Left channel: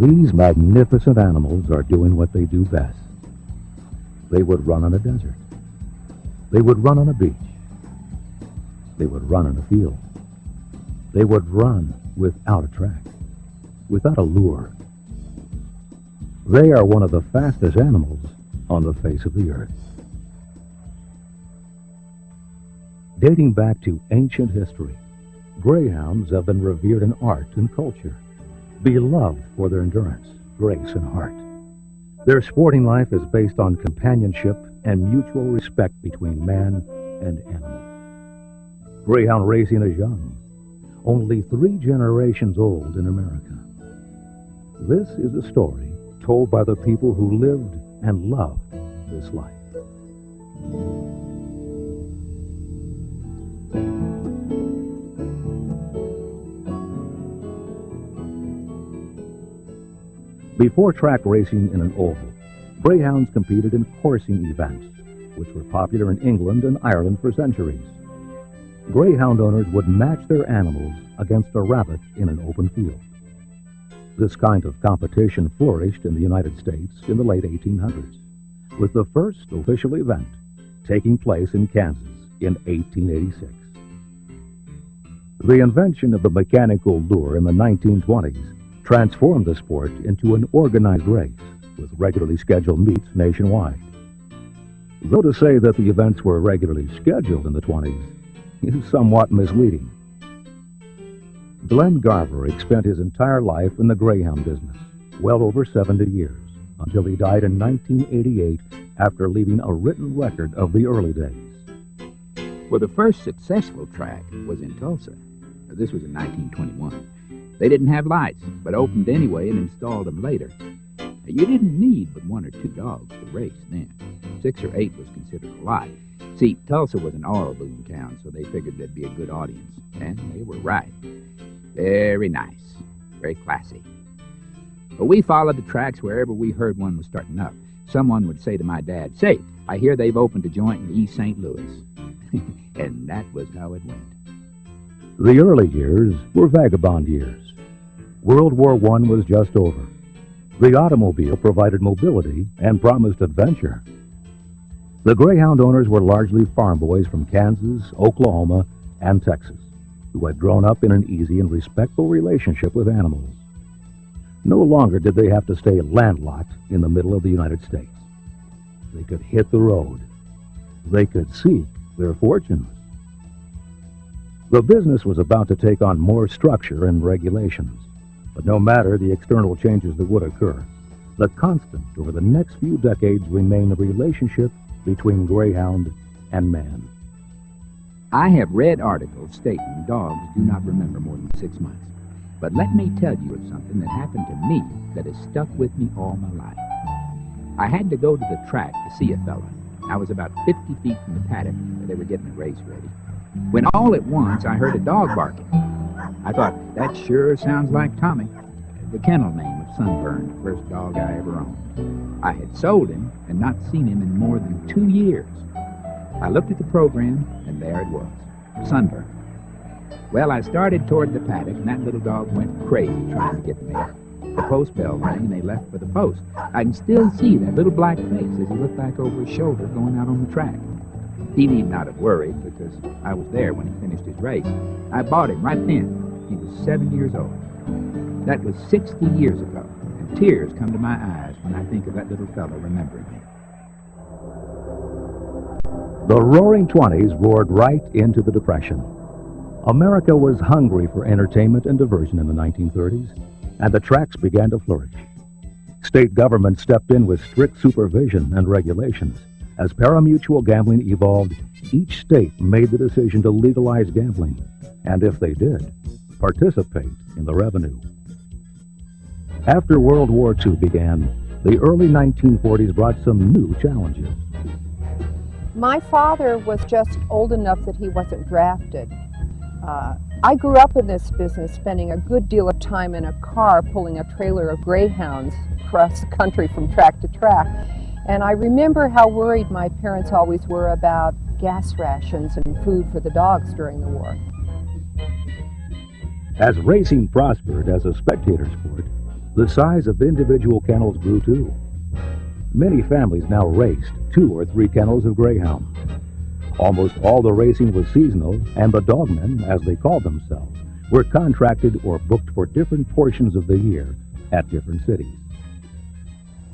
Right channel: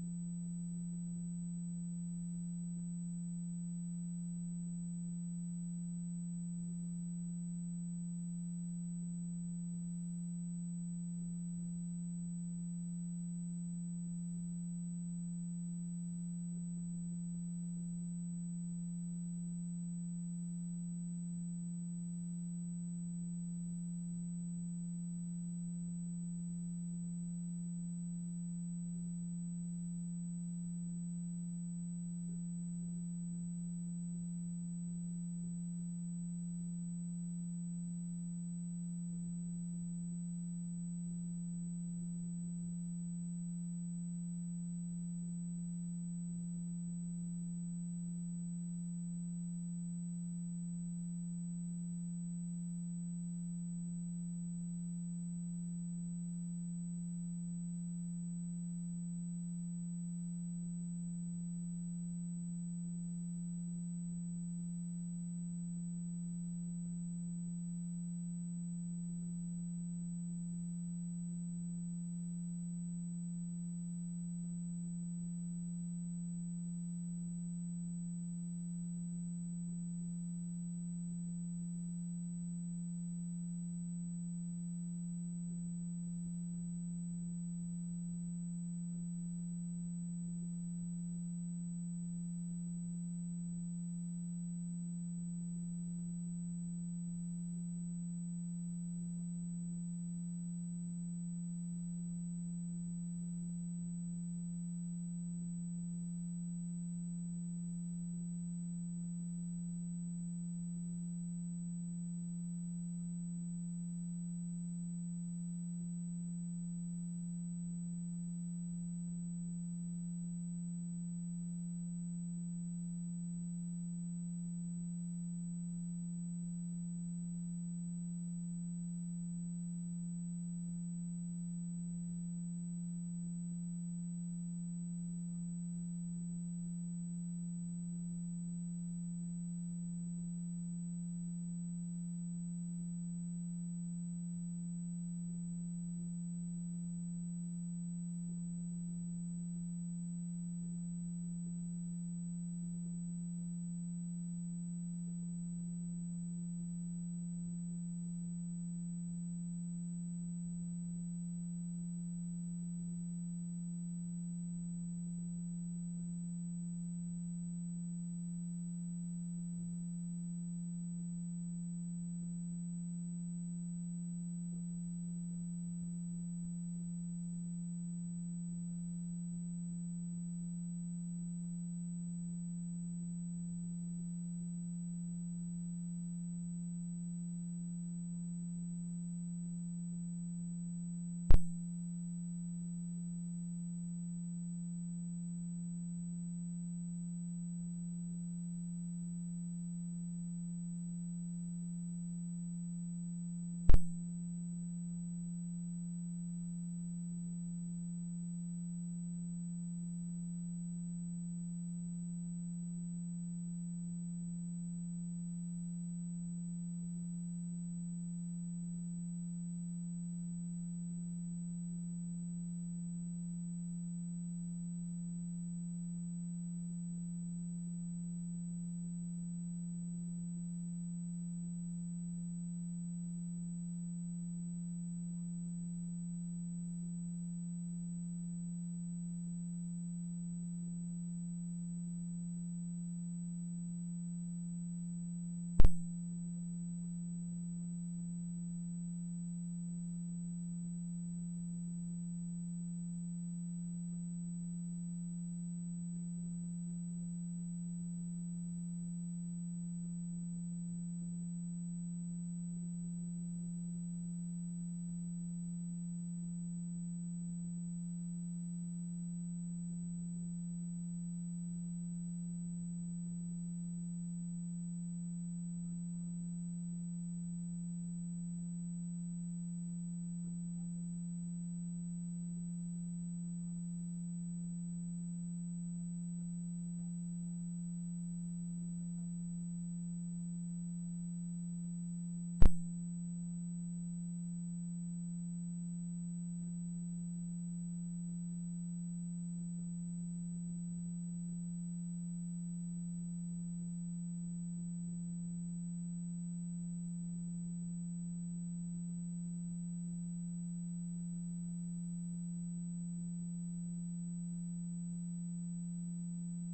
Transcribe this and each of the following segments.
These magnificent animals are doing what they do best. They would run on a desert. They would run on a beach. They would run in a field. They would run without a track, without a lure. They are one of the fastest animals on the face of the earth. Dating back to ancient history, greyhounds have been revered in art and culture, beloved for their endurance, grace, and heart. Their sporting life is based on companionship and mutual respect between man and animal. Greyhound racing is young, only 3 generations old in America. This is a story told by the people who lived and loved this life. Before track racing in an oval, greyhounds competed in coursing events, which were popular in England and Ireland for centuries. Greyhound owners would match their animals against a rabbit in an open field. This kind of competition flourished in the United States in the late 1800s, with the first official event taking place in Kansas in 1886. The invention of the mechanical lure in the 1920s transformed the sport into an organized race with regularly scheduled meets nationwide. Though to say that the events were regularly scheduled in the 20s is somewhat misleading. Glenn Garverick spent his entire life in the greyhound business, well over 70 years, until he died in 1988 after leaving a written record of the early days. Well, the first successful track was in Tulsa. This was in 1921. They didn't have lights, but opened anyway and installed them later. You didn't need but 1 or 2 dogs to race then. 6 or 8 was considered a lot. See, Tulsa was an oil boom town, so they figured there'd be a good audience. And they were right. Very nice. Very classy. But we followed the tracks wherever we heard one was starting up. Someone would say to my dad, "Say, I hear they've opened a joint in East St. Louis." And that was how it went. The early years were vagabond years. World War I was just over. The automobile provided mobility and promised adventure. The greyhound owners were largely farm boys from Kansas, Oklahoma, and Texas, who had grown up in an easy and respectful relationship with animals. No longer did they have to stay landlocked in the middle of the United States. They could hit the road. They could seek their fortunes. The business was about to take on more structure and regulations, but no matter the external changes that would occur, the constant over the next few decades remained the relationship between greyhound and man. I have read articles stating dogs do not remember more than 6 months. But let me tell you of something that happened to me that has stuck with me all my life. I had to go to the track to see a fella. I was about 50 feet from the paddock where they were getting the race ready, when all at once I heard a dog barking. I thought, that sure sounds like Tommy, the kennel name of Sunburn, the first dog I ever owned. I had sold him and not seen him in more than 2 years. I looked at the program, and there it was, Sunburn. Well, I started toward the paddock, and that little dog went crazy trying to get me. The post bell rang, and they left for the post. I can still see that little black face as he looked back over his shoulder going out on the track. He need not have worried, because I was there when he finished his race. I bought him right then. He was 7 years old. That was 60 years ago, and tears come to my eyes when I think of that little fellow remembering me. The Roaring '20s roared right into the Depression. America was hungry for entertainment and diversion in the 1930s, and the tracks began to flourish. State government stepped in with strict supervision and regulations. As pari-mutuel gambling evolved, each state made the decision to legalize gambling, and if they did, participate in the revenue. After World War II began, the early 1940s brought some new challenges. My father was just old enough that he wasn't drafted. I grew up in this business, spending a good deal of time in a car pulling a trailer of greyhounds across the country from track to track. And I remember how worried my parents always were about gas rations and food for the dogs during the war. As racing prospered as a spectator sport, the size of individual kennels grew too. Many families now raced 2 or 3 kennels of greyhounds. Almost all the racing was seasonal, and the dogmen, as they called themselves, were contracted or booked for different portions of the year at different cities.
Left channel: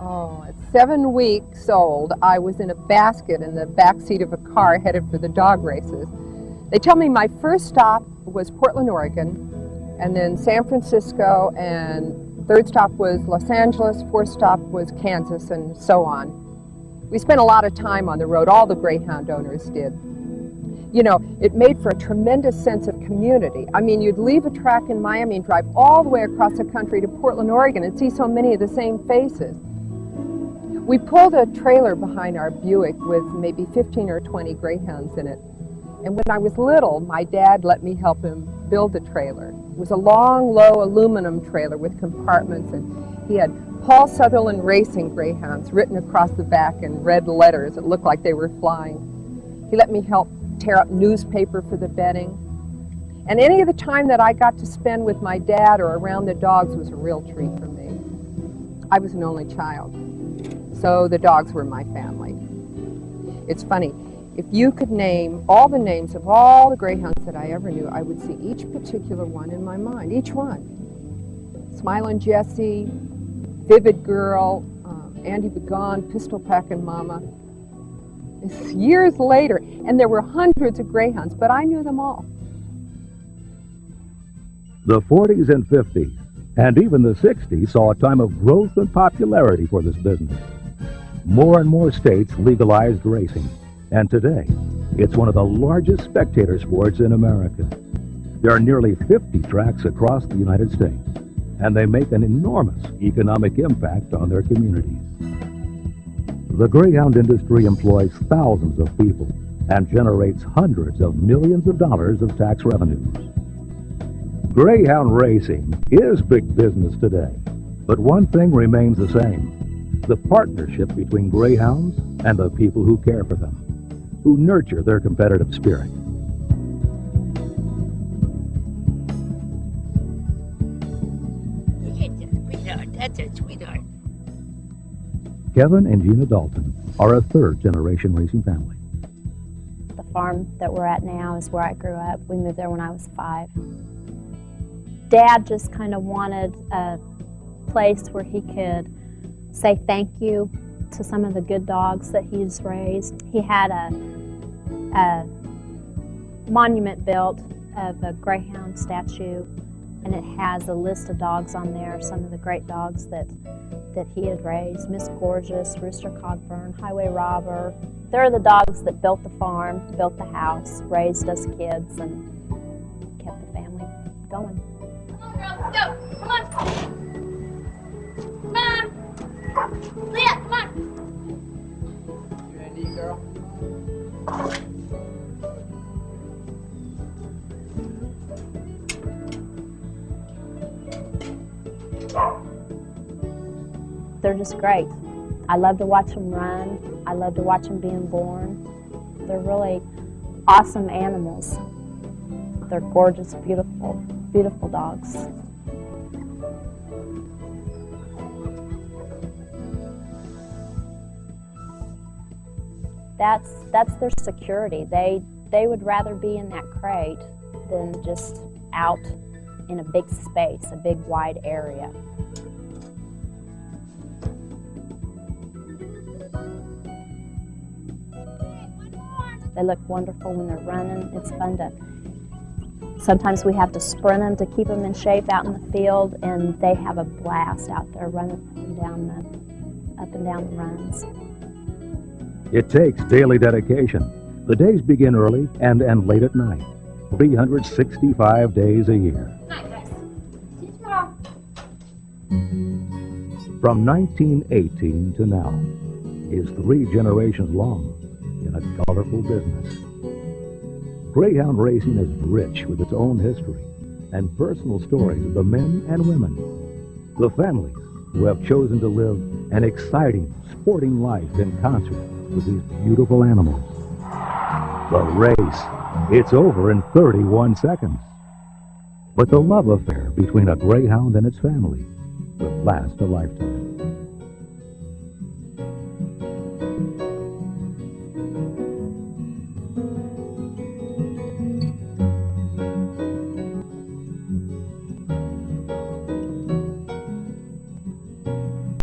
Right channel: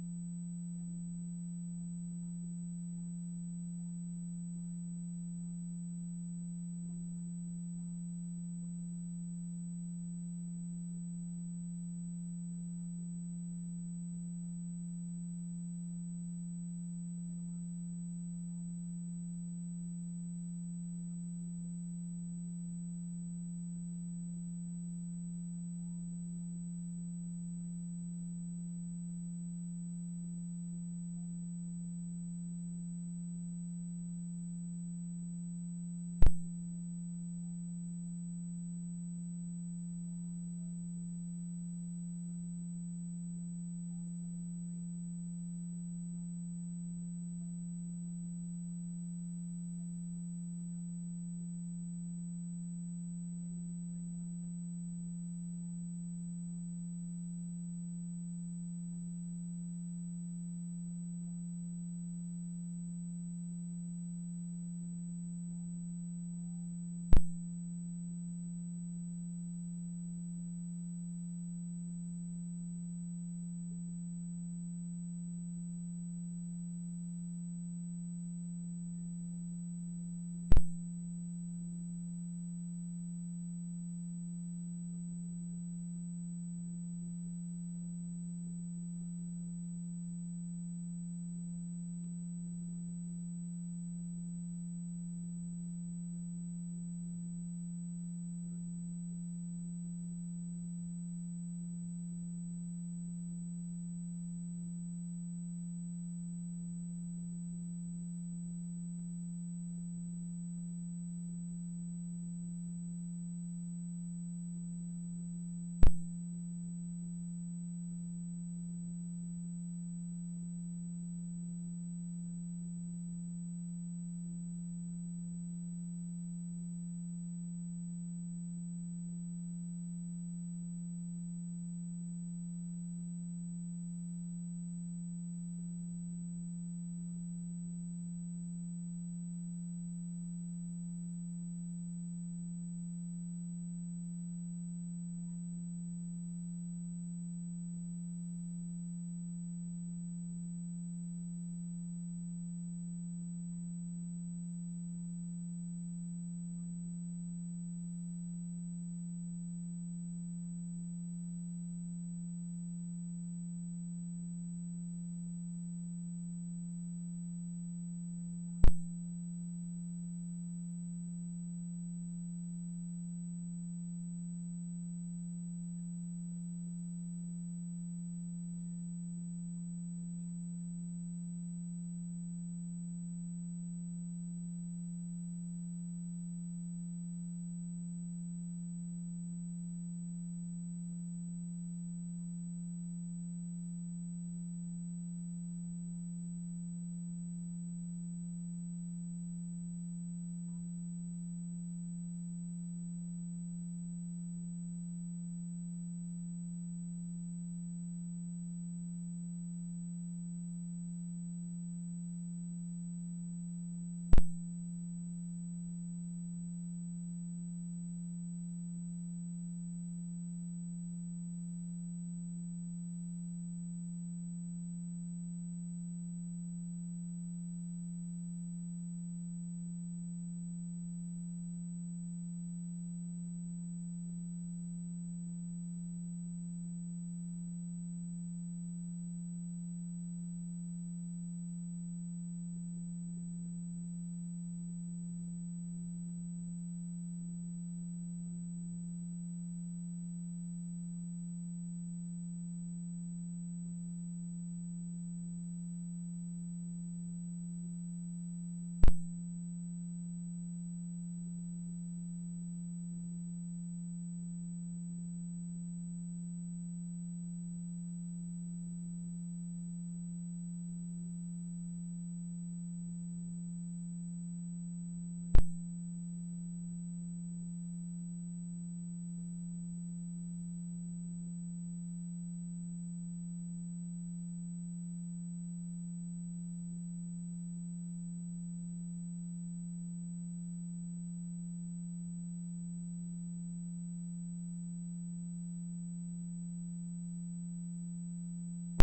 Oh, at 7 weeks old, I was in a basket in the back seat of a car headed for the dog races. They tell me my first stop was Portland, Oregon, and then San Francisco, and third stop was Los Angeles, fourth stop was Kansas, and so on. We spent a lot of time on the road, all the Greyhound owners did. You know, it made for a tremendous sense of community. I mean, you'd leave a track in Miami and drive all the way across the country to Portland, Oregon, and see so many of the same faces. We pulled a trailer behind our Buick with maybe 15 or 20 Greyhounds in it. And when I was little, my dad let me help him build the trailer. It was a long, low aluminum trailer with compartments, and he had Paul Sutherland Racing Greyhounds written across the back in red letters that looked like they were flying. He let me help tear up newspaper for the bedding. And any of the time that I got to spend with my dad or around the dogs was a real treat for me. I was an only child, so the dogs were my family. It's funny, if you could name all the names of all the Greyhounds that I ever knew, I would see each particular one in my mind, each one. Smilin' Jessie, Vivid Girl, Andy Begone, Pistol Packin' Mama. It's years later, and there were hundreds of Greyhounds, but I knew them all. The 40s and 50s, and even the 60s, saw a time of growth and popularity for this business. More and more states legalized racing, and today, it's one of the largest spectator sports in America. There are nearly 50 tracks across the United States, and they make an enormous economic impact on their communities. The Greyhound industry employs thousands of people and generates hundreds of millions of dollars of tax revenues. Greyhound racing is big business today, but one thing remains the same: the partnership between Greyhounds and the people who care for them, who nurture their competitive spirit. That's a sweetheart. Kevin and Gina Dalton are a third-generation racing family. The farm that we're at now is where I grew up. We moved there when I was 5. Dad just kind of wanted a place where he could say thank you to some of the good dogs that he's raised. He had a monument built of a Greyhound statue, and it has a list of dogs on there, some of the great dogs that he had raised: Miss Gorgeous, Rooster Cogburn, Highway Robber. They're the dogs that built the farm, built the house, raised us kids, and kept the family going. Come on, girls, let's go. Come on. Come on. Leah, come on. You ready, girl? They're just great. I love to watch them run. I love to watch them being born. They're really awesome animals. They're gorgeous, beautiful, beautiful dogs. That's their security. They would rather be in that crate than just out in a big space, a big wide area. They look wonderful when they're running. It's fun to, sometimes we have to sprint them to keep them in shape out in the field, and they have a blast out there running up and down the runs. It takes daily dedication. The days begin early and end late at night, 365 days a year. Night, guys. See you tomorrow. From 1918 to now is 3 generations long in a colorful business. Greyhound racing is rich with its own history and personal stories of the men and women, the families who have chosen to live an exciting, sporting life in concert with these beautiful animals. The race, it's over in 31 seconds. But the love affair between a greyhound and its family will last a lifetime.